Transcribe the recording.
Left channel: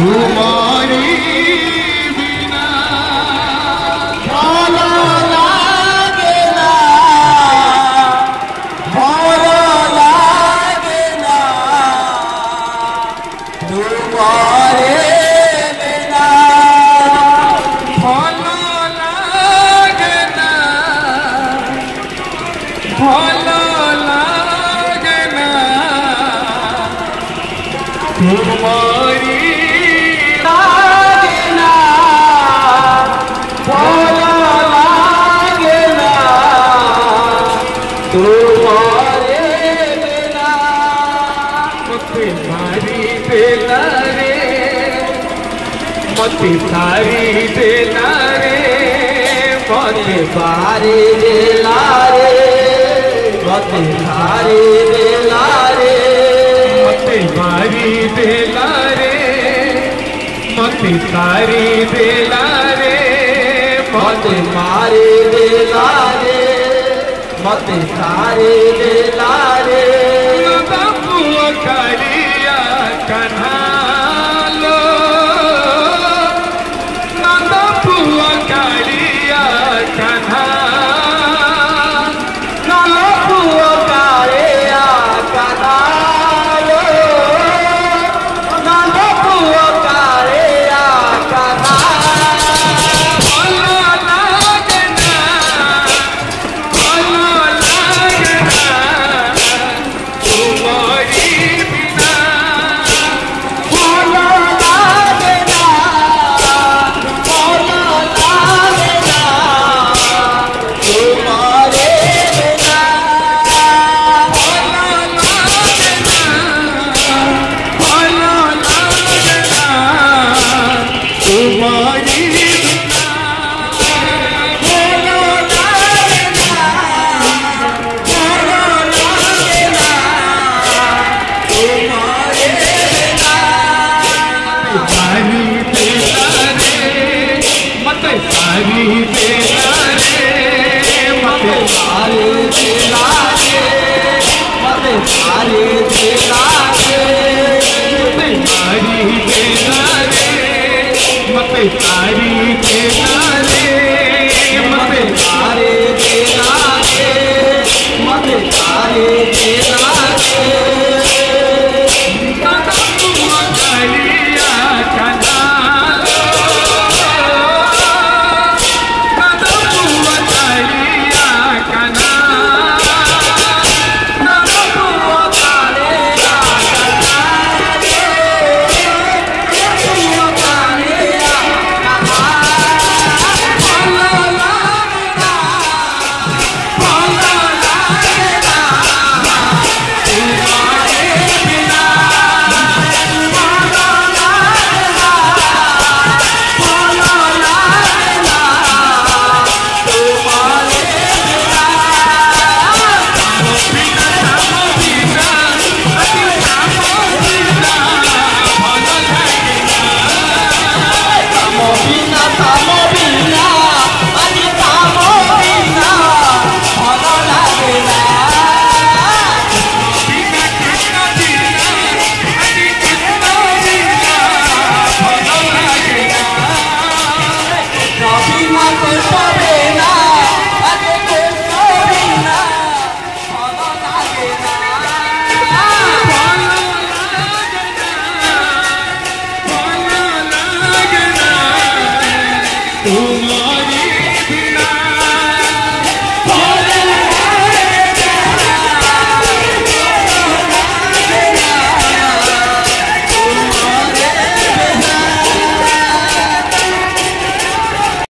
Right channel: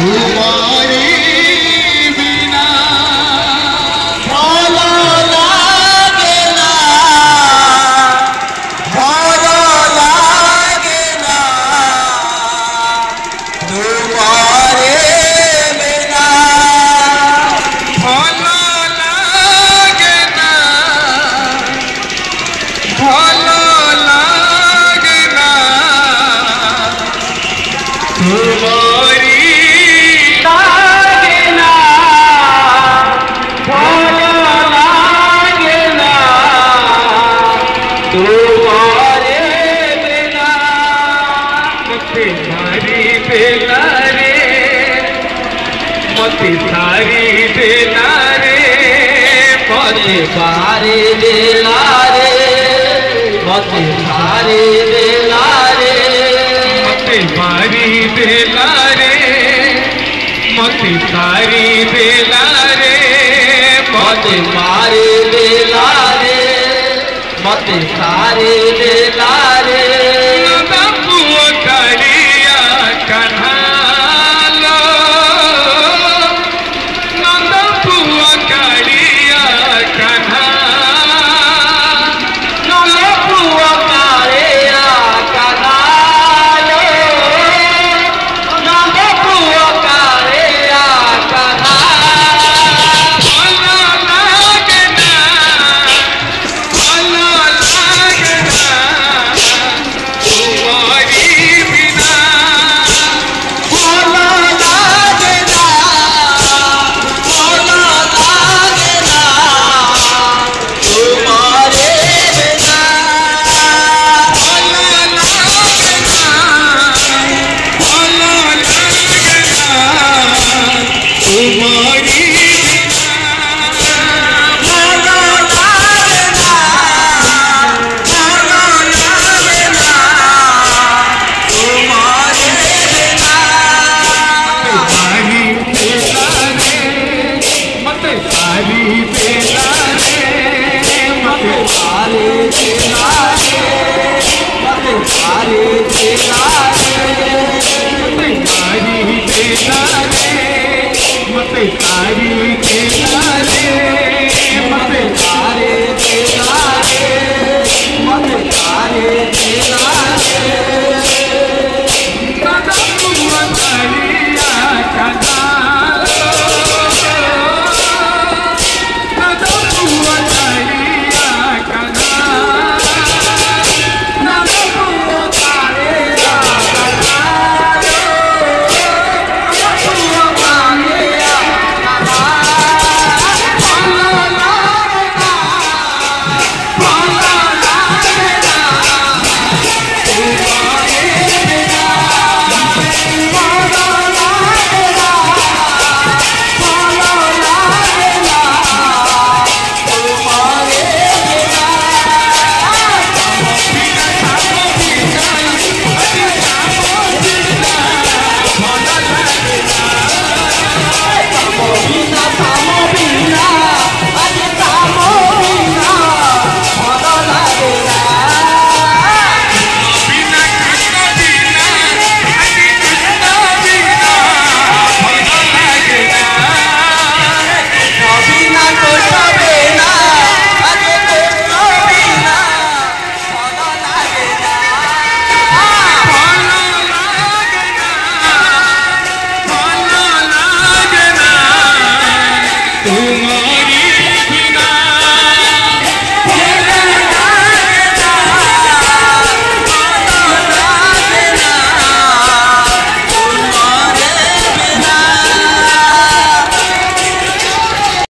तुम्हारी बिना भालो लागे ना, भालो लागे ना, तुम्हारे बिना भालो लागे ना, भालो लागे ना, तुम्हारी लागे ना, भालो लागे ना, तुम्हारे बिना मते सारी बेला रे, मते सारी बेला रे, मते बारे बेला रे, मते बारे बेला रे, मते सारी बेला रे, मते सारी बेला रे, मते मारे बेला रे, मते सारे बेला रे, नंदपुआ कालिया कन्हालो, नंदपुआ कालिया कन्हा, नंदपुआ कालिया कन्हालो, नंदपुआ कालिया कन्हालो, भालो लागे ना, भालो लागे ना, तुम्हारी बिना भालो लागे ना, भालो लागे ना, तुम्हारे बिना भालो लागे ना, भालो लागे ना, तुम्हारी भालो लागे ना, भालो लागे ना, तुम्हारे बिना सारी बेला रे, मते सारी बेला रे, मते सारे बेला रे, मते सारे बेला रे, सारी बेला रे, मते सारी बेला रे, मते सारे बेला रे, मते सारे बेला रे, नंदपुआ कालिया कन्हालो, नंदपुआ कालिया कन्हा, नंदपुआ कालिया कन्हालो, नंदपुआ कालिया कन्हालो, भालो लागे ना, भालो लागे ना, तुम्हारे बिना भालो लागे ना, भालो लागे ना, तुम्हारे बिना मोबिना मोबिना अरे मोबिना भालो लागे ना, मोबिना कोई बेना अरे कोई बिना भालो लागे ना, भालो लागे ना, भालो लागे ना, तुम्हारी